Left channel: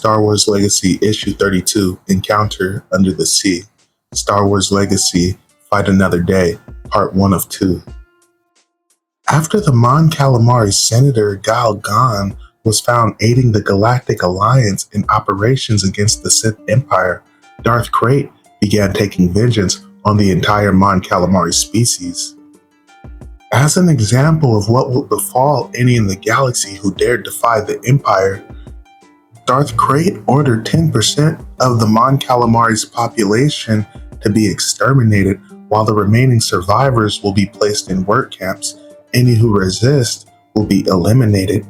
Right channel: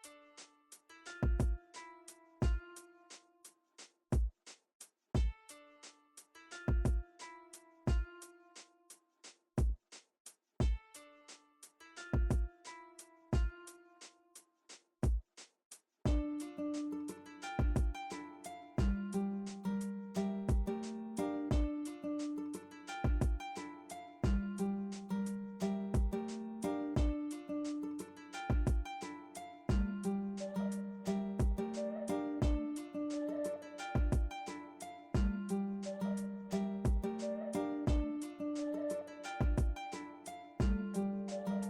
Star Wars Legacy Issue 32, Encounter Under the Sea. Star Wars Legacy, Fight Another Day, Part 1 of 2. After the Mon Calamari Senator Gal Gan was found aiding the Galactic Alliance in operations against the Sith Empire, Darth Krayt began taking vengeance on the entire Mon Calamari species. As an example of what will befall any in the galaxy who dared defy the Empire, Darth Krayt ordered 10% of the Mon Calamari's population to be exterminated, while the remaining survivors will be placed in work camps. Any who resist will be eliminated.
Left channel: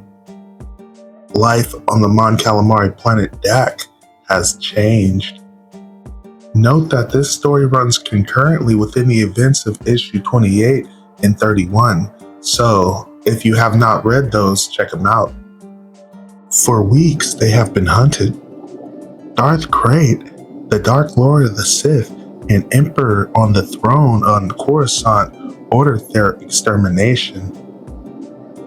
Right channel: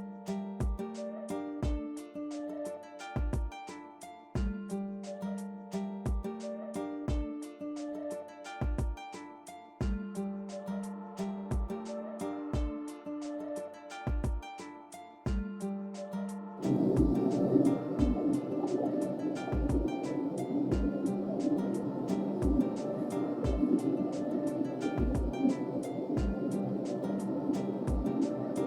Life on the Mon Calamari planet Dak has changed. Note that this story runs concurrently within the events of issue 28 and 31, so if you have not read those, check them out. For weeks, they have been hunted. Darth Krayt, the Dark Lord of the Sith and Emperor on the throne on Coruscant, ordered their extermination.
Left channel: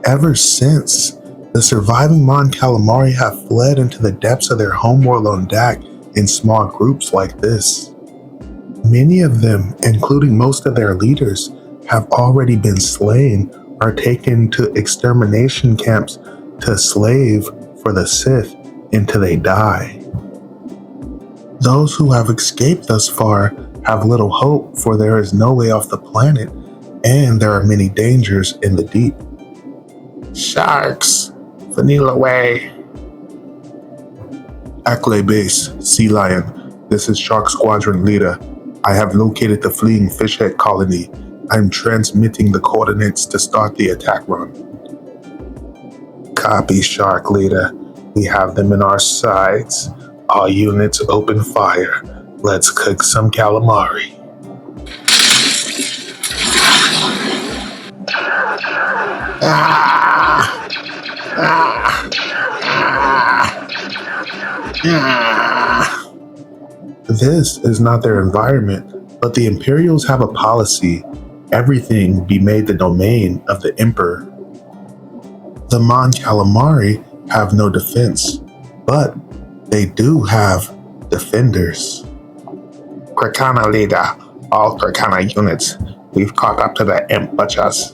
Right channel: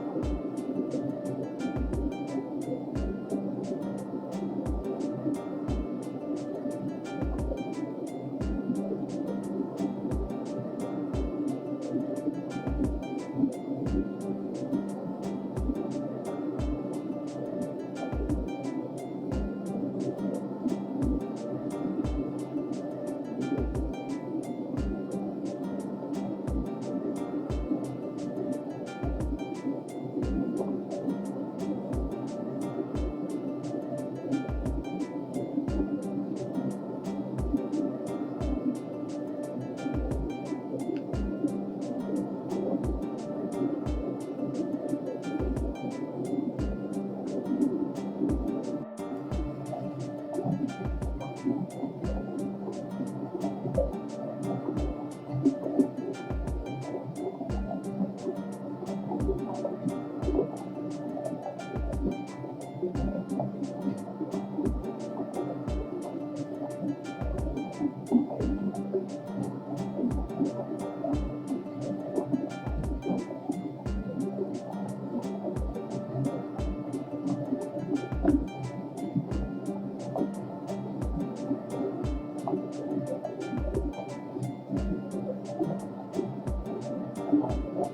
Ever since, the surviving Mon Calamari have fled into the depths of their homeworld on Dak in small groups like this. Many of them, including most of their leaders, have already been slain or taken to extermination camps to slave for the Sith until they die. Those who have escaped thus far have little hope, for there is no way off the planet, and there are many dangers in the deep. Sharks, Vanilla Way. Ackley Base, Sea Lion. This is Shark Squadron Leader. I have located the fleeing fishhead colony. I'm transmitting the coordinates to start the attack run. Copy, Shark Leader. We have them in our sights. All units open fire. Let's cook some calamari. This is not their environment, but the Imperials have a policy. Everything will be made the domain of the Emperor. The Mon Calamari have no defense, but they do have defenders. Krakana Leader, all Krakana units, we've caught up to the Imp Butchers.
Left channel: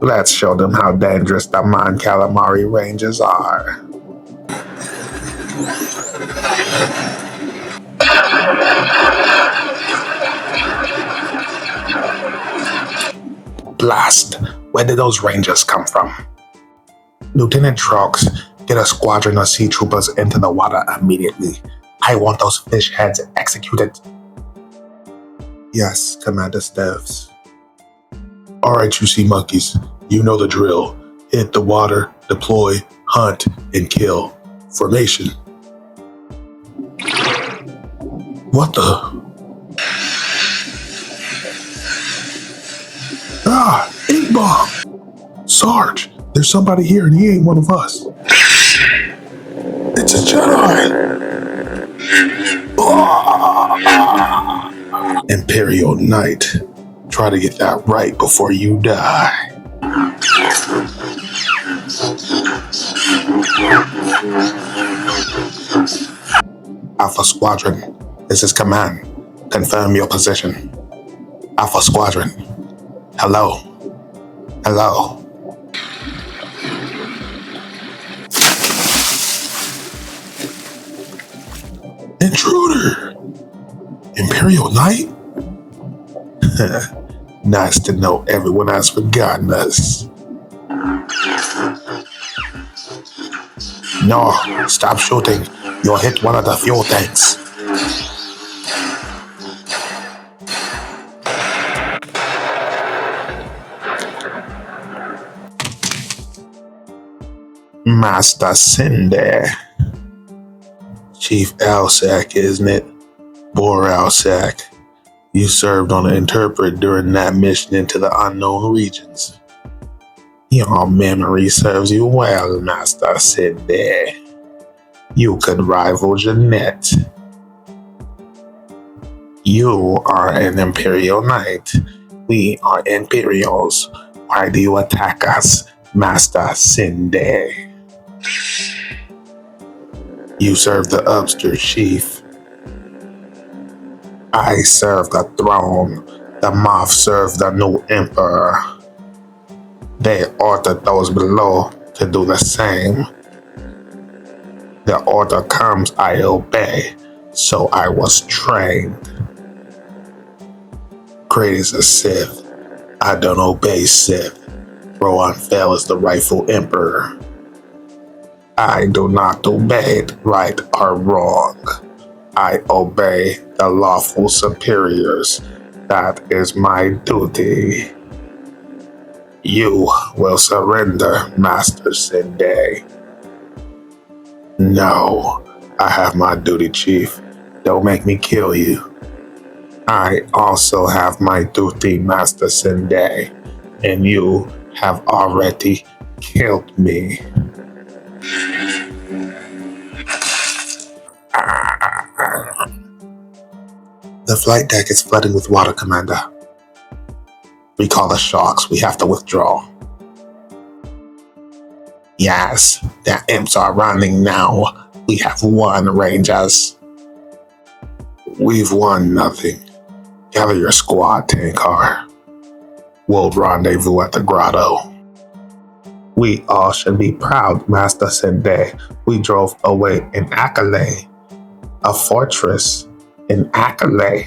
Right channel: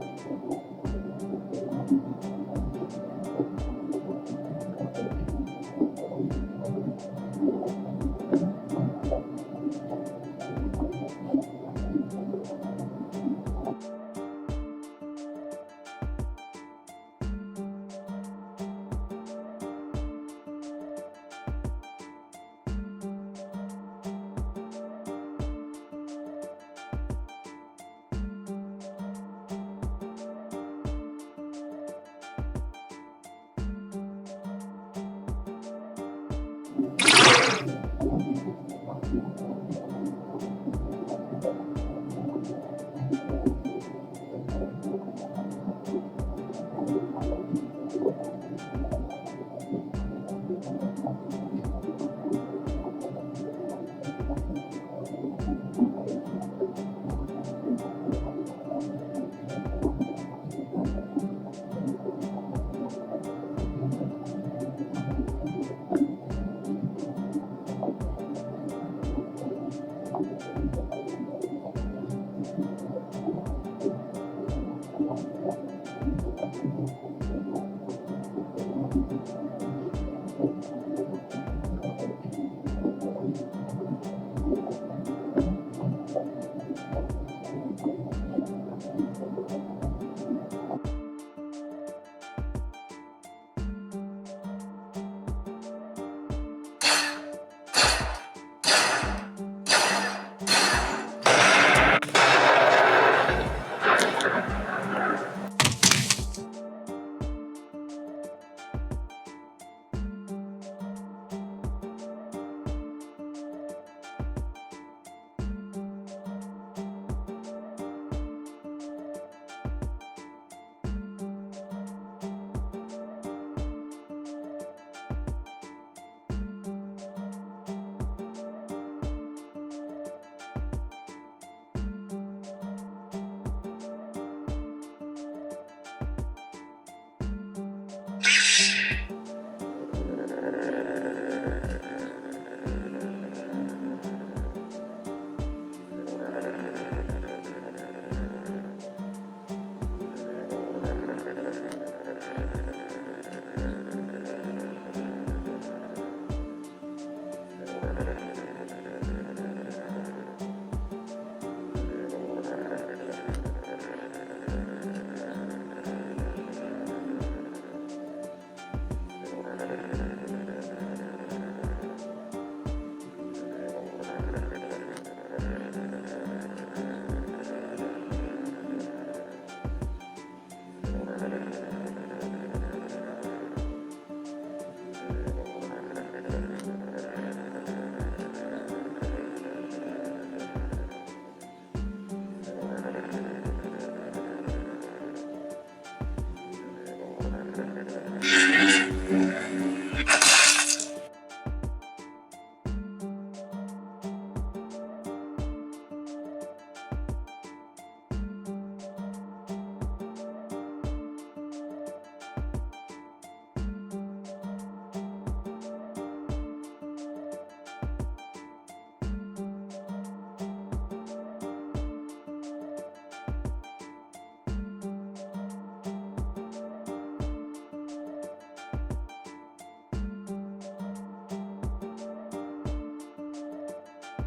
Let's show them how dangerous the Mon Calamari Rangers are. Blast! Where did those Rangers come from? Lieutenant Trox, get a squadron of sea troopers into the water immediately. I want those fish heads executed. Yes, Commander Steves. Alright, you sea monkeys. You know the drill. Hit the water, deploy, hunt, and kill. Formation. What the? Ink bomb! Sarge, there's somebody here and he ain't one of us. It's a Jedi! Imperial Knight. Try to get that right before you die. Alpha Squadron, this is Command. Confirm your position. Alpha Squadron. Hello. Hello. Intruder! Imperial Knight? Nice to know everyone has forgotten us. No, stop shooting. You'll hit one of the fuel tanks. Master Cinder. Chief Alsac, isn't it? Bor Alsac. You served on an interpret during that mission into the unknown regions. Your memory serves you well, Master Cinder. You could rival Jeanette. You are an Imperial Knight. We are Imperials. Why do you attack us, Master Cinder? You serve the upstairs chief. I serve the throne. The moth serve the new emperor. They ordered those below to do the same. The order comes, I obey. So I was trained. Great as a Sith. I don't obey Sith. Rohan Fel is the rightful emperor. I do not obey it, right or wrong. I obey the lawful superiors. That is my duty. You will surrender, Master Sinde. No, I have my duty, Chief. Don't make me kill you. I also have my duty, Master Sinde, and you have already killed me. The flight deck is flooding with water, Commander. Recall the sharks. We have to withdraw. Yes, the imps are running now. We have won, Rangers. We've won nothing. Gather your squad, Tankar. We'll rendezvous at the grotto. We all should be proud, Master Sinde. We drove away in Akale, a fortress in Akale.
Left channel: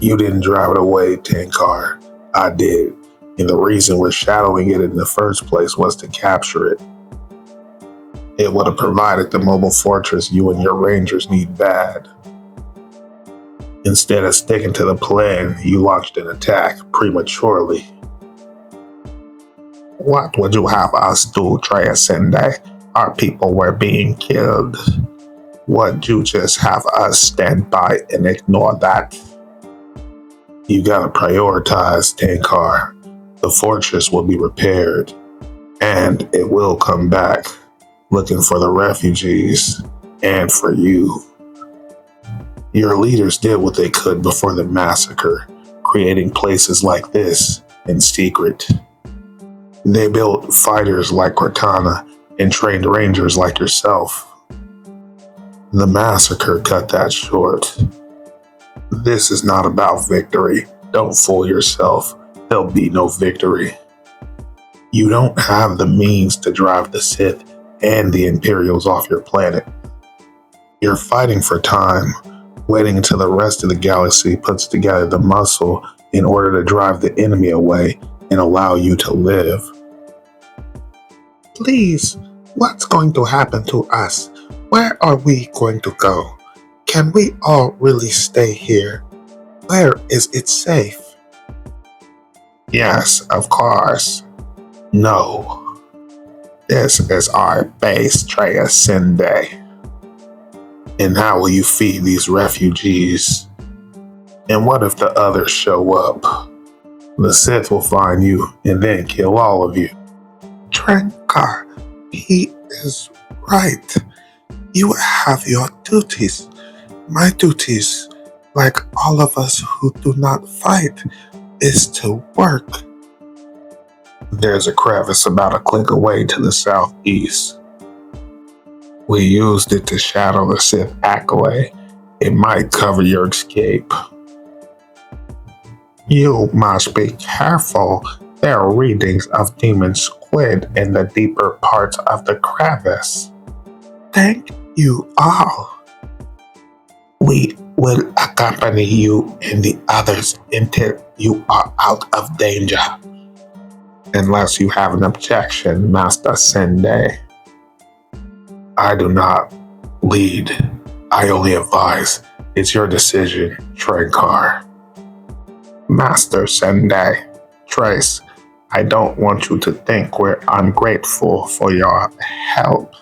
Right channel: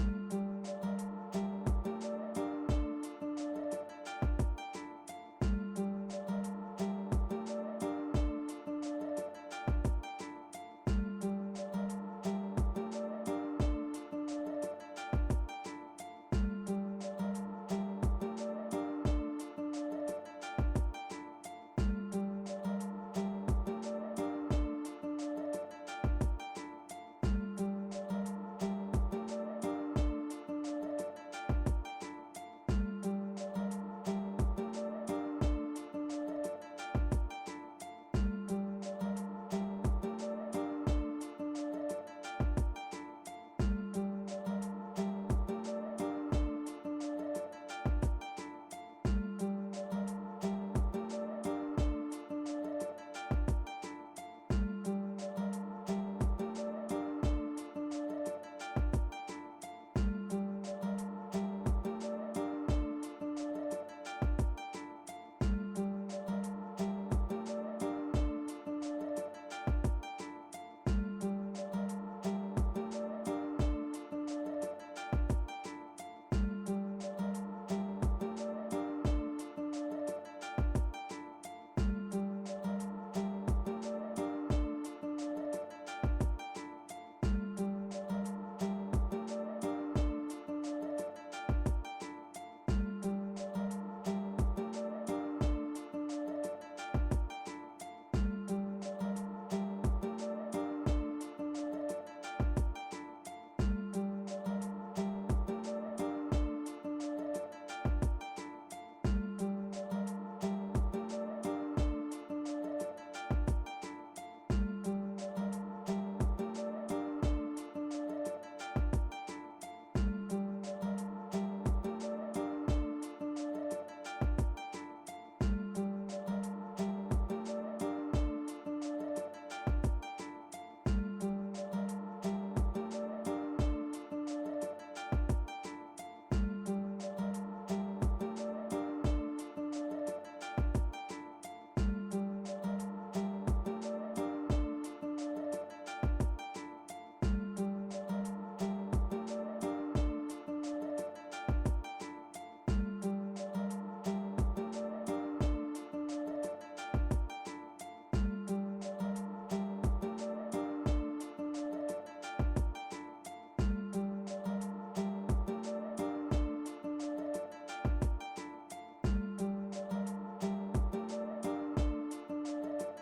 You didn't drive it away, Tankar. I did. And the reason we're shadowing it in the first place was to capture it. It would have provided the mobile fortress you and your rangers need bad. Instead of sticking to the plan, you launched an attack prematurely. What would you have us do, Trayasende? Our people were being killed. Would you just have us stand by and ignore that? You gotta prioritize, Tankar. The fortress will be repaired, and it will come back, looking for the refugees, and for you. Your leaders did what they could before the massacre, creating places like this in secret. They built fighters like Cortana and trained rangers like yourself. The massacre cut that short. This is not about victory. Don't fool yourself. There'll be no victory. You don't have the means to drive the Sith and the Imperials off your planet. You're fighting for time, waiting until the rest of the galaxy puts together the muscle in order to drive the enemy away and allow you to live. Please, what's going to happen to us? Where are we going to go? Can we all really stay here? Where is it safe? Yes, of course. No. This is our base, Trayasende. And how will you feed these refugees? And what if the others show up? The Sith will find you and then kill all of you. Trankar, he is right. You have your duties. My duties, like all of us who do not fight, is to work. There's a crevice about a click away to the southeast. We used it to shadow the Sith Accolade. It might cover your escape. You must be careful. There are readings of demon squid in the deeper parts of the crevice. Thank you all. We will accompany you and the others until you are out of danger. Unless you have an objection, Master Sinde. I do not lead. I only advise. It's your decision, Trankar. Master Sinde. Trace, I don't want you to think we're ungrateful for your help.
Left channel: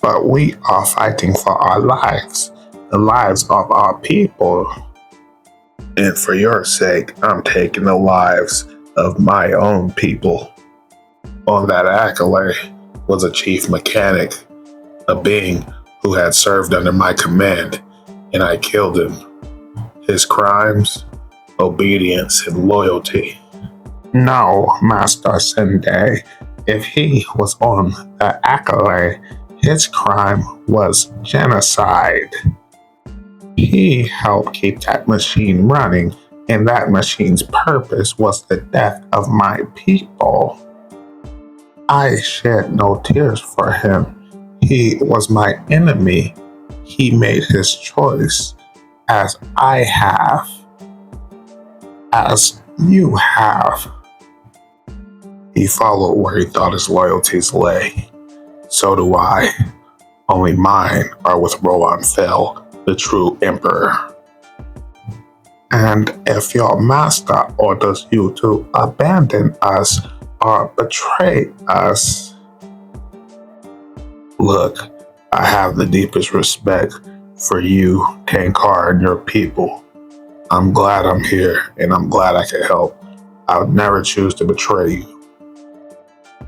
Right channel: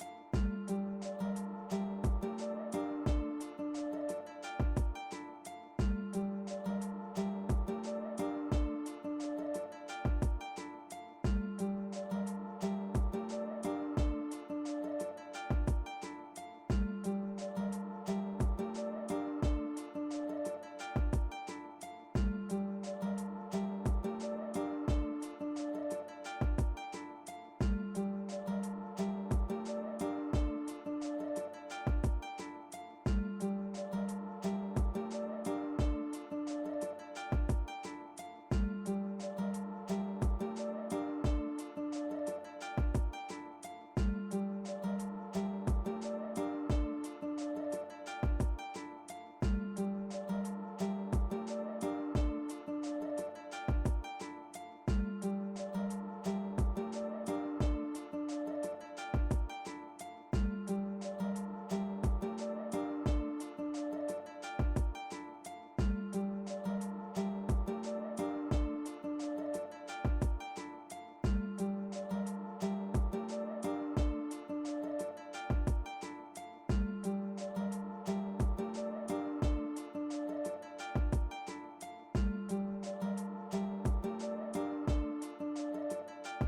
But we are fighting for our lives. The lives of our people. And for your sake, I'm taking the lives of my own people. On that accolade was a chief mechanic, a being who had served under my command, and I killed him. His crimes, obedience, and loyalty. No, Master Sinde. If he was on the accolade, His crime was genocide. He helped keep that machine running, and that machine's purpose was the death of my people. I shed no tears for him. He was my enemy. He made his choice, as I have, as you have. He followed where he thought his loyalties lay. So do I. Only mine are with Rohan Fel, the true emperor. And if your master orders you to abandon us or betray us, look, I have the deepest respect for you, Tankar, and your people. I'm glad I'm here, and I'm glad I can help. I would never choose to betray you.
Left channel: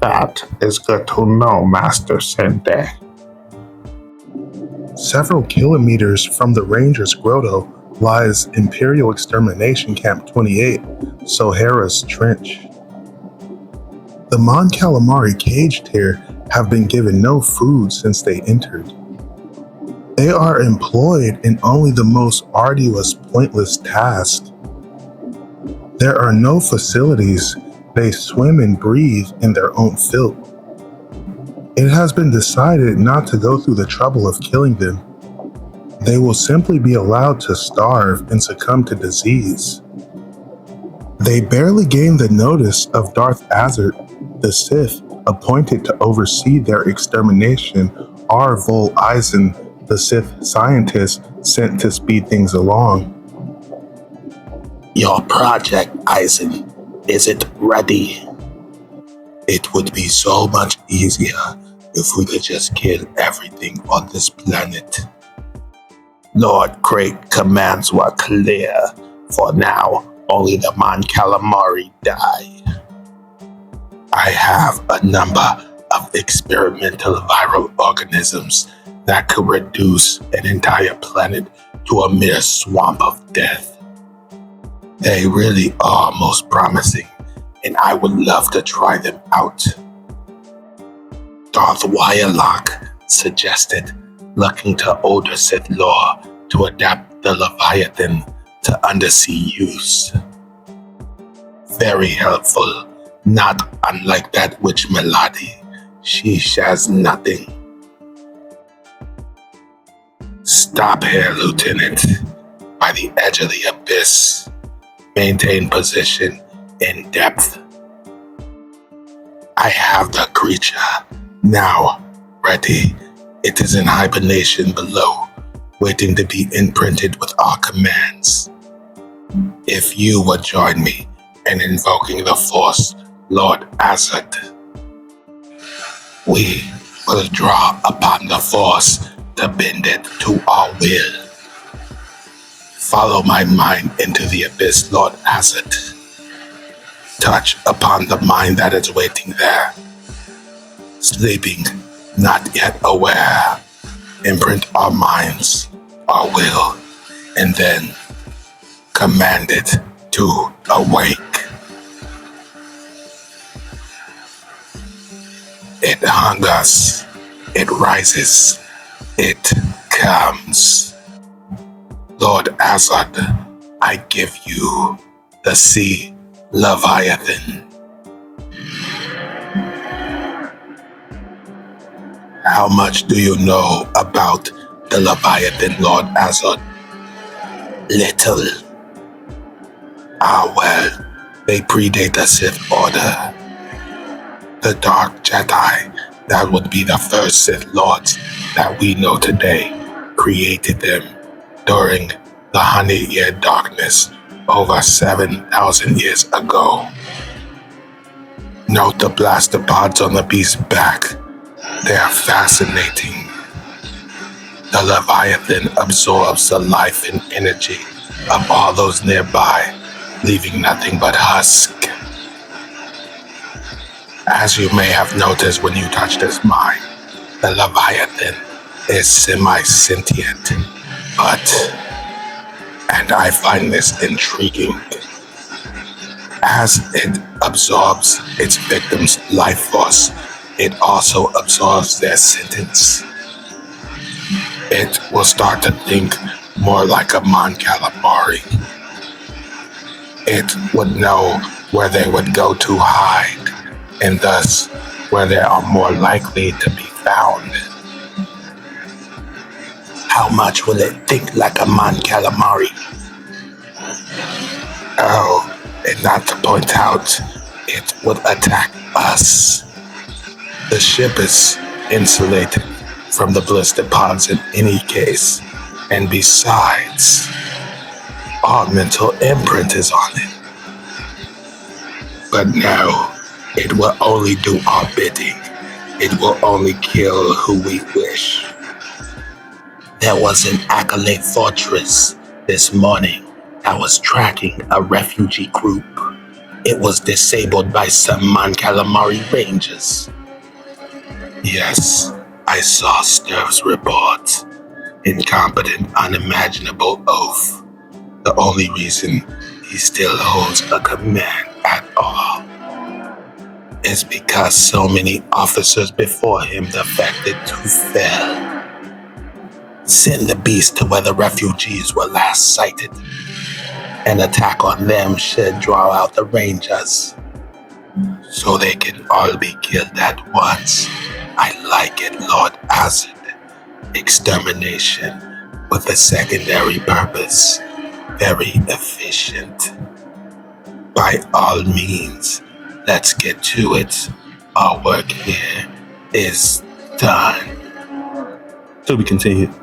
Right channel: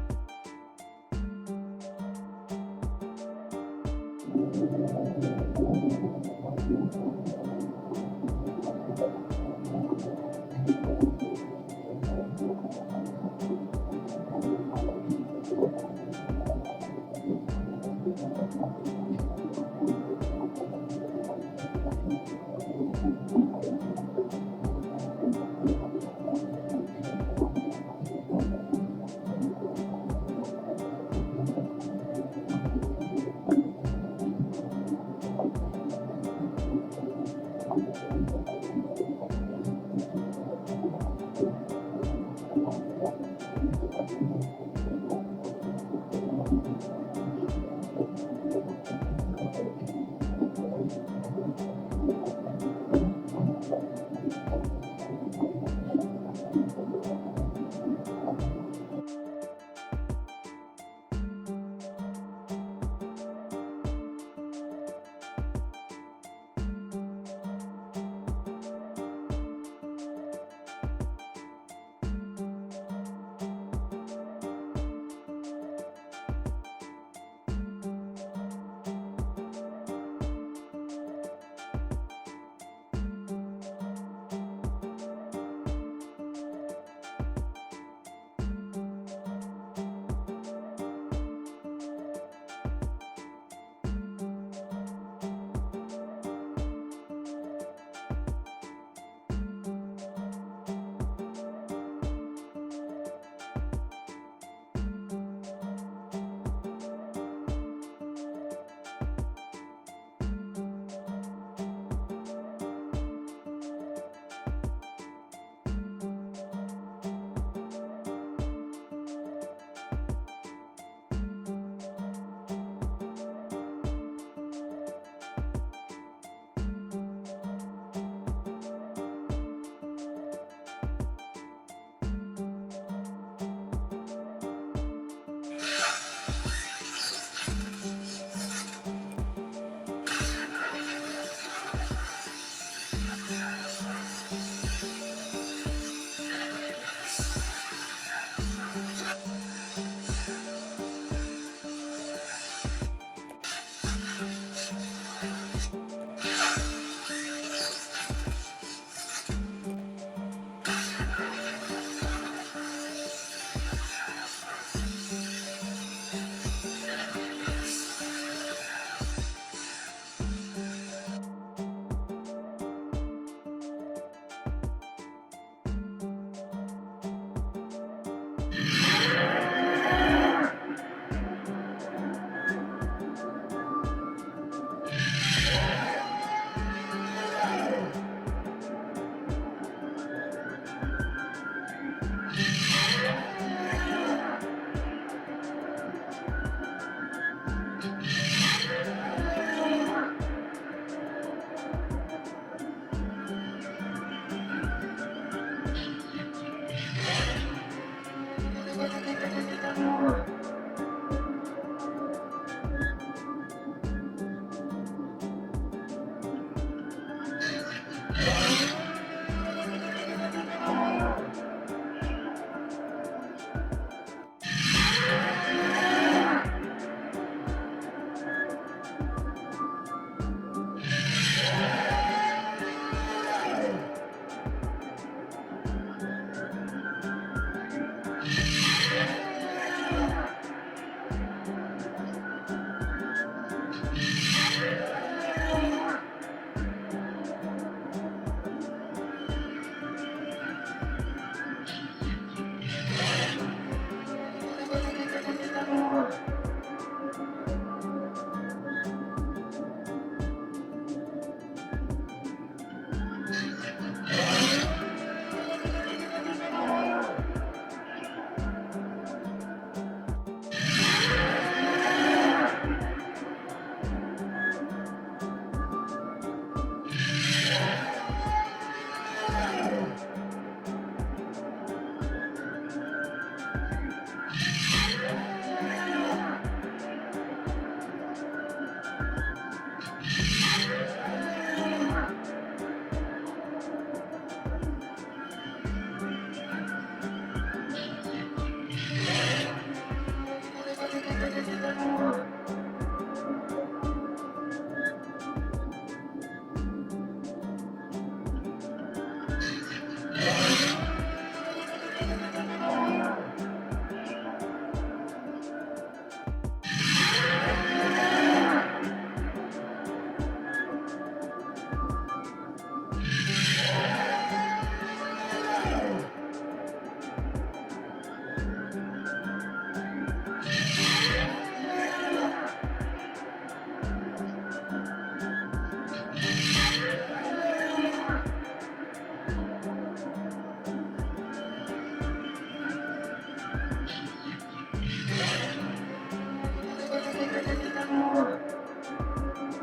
That is good to know, Master Sente. Several kilometers from the Ranger's grotto lies Imperial Extermination Camp 28, Sohara's Trench. The Mon Calamari caged here have been given no food since they entered. They are employed in only the most arduous, pointless tasks. There are no facilities. They swim and breathe in their own filth. It has been decided not to go through the trouble of killing them. They will simply be allowed to starve and succumb to disease. They barely gained the notice of Darth Azert, the Sith appointed to oversee their extermination, or Vol Eisen, the Sith scientist sent to speed things along. Your project, Eisen, is it ready? It would be so much easier if we could just kill everything on this planet. Lord Craig's commands were clear. For now, only the Mon Calamari die. I have a number of experimental viral organisms that could reduce an entire planet to a mere swamp of death. They really are most promising, and I would love to try them out. Darth Wyerlock suggested looking to older Sith lore to adapt the Leviathan to undersea use. Very helpful, not unlike that witch Melody. She shares nothing. Stop here, Lieutenant, by the edge of the abyss. Maintain position in depth. I have the creature now ready. It is in hibernation below, waiting to be imprinted with our commands. If you would join me in invoking the Force, Lord Azad, we will draw upon the Force to bend it to our will. Follow my mind into the abyss, Lord Azad. Touch upon the mind that is waiting there, sleeping, not yet aware. Imprint our minds, our will, and then command it to awake. It hungers, it rises, it comes. Lord Azad, I give you the sea Leviathan. How much do you know about the Leviathan, Lord Azad? Little. Ah, well, they predate the Sith Order. The Dark Jedi, that would be the first Sith Lords that we know today, created them during the 100-year darkness over 7,000 years ago. Note the blaster pods on the beast's back. They are fascinating. The Leviathan absorbs the life and energy of all those nearby, leaving nothing but husk. As you may have noticed when you touched his mind, the Leviathan is semi-sentient, and I find this intriguing, as it absorbs its victim's life force, it also absorbs their sentence. It will start to think more like a Mon Calamari. It would know where they would go to hide, and thus where they are more likely to be found. How much will it think like a Mon Calamari? Oh, and not to point out, it would attack us. The ship is insulated from the blister pods in any case, and besides, our mental imprint is on it. But no, it will only do our bidding. It will only kill who we wish. There was an Acolyte fortress this morning that was tracking a refugee group. It was disabled by some Mon Calamari rangers. Yes, I saw Sturv's report. Incompetent, unimaginable oaf. The only reason he still holds a command at all is because so many officers before him defected to fail. Send the beast to where the refugees were last sighted. An attack on them should draw out the rangers, so they can all be killed at once. I like it, Lord Acid. Extermination with a secondary purpose. Very efficient. By all means, let's get to it. Our work here is done. To be continued.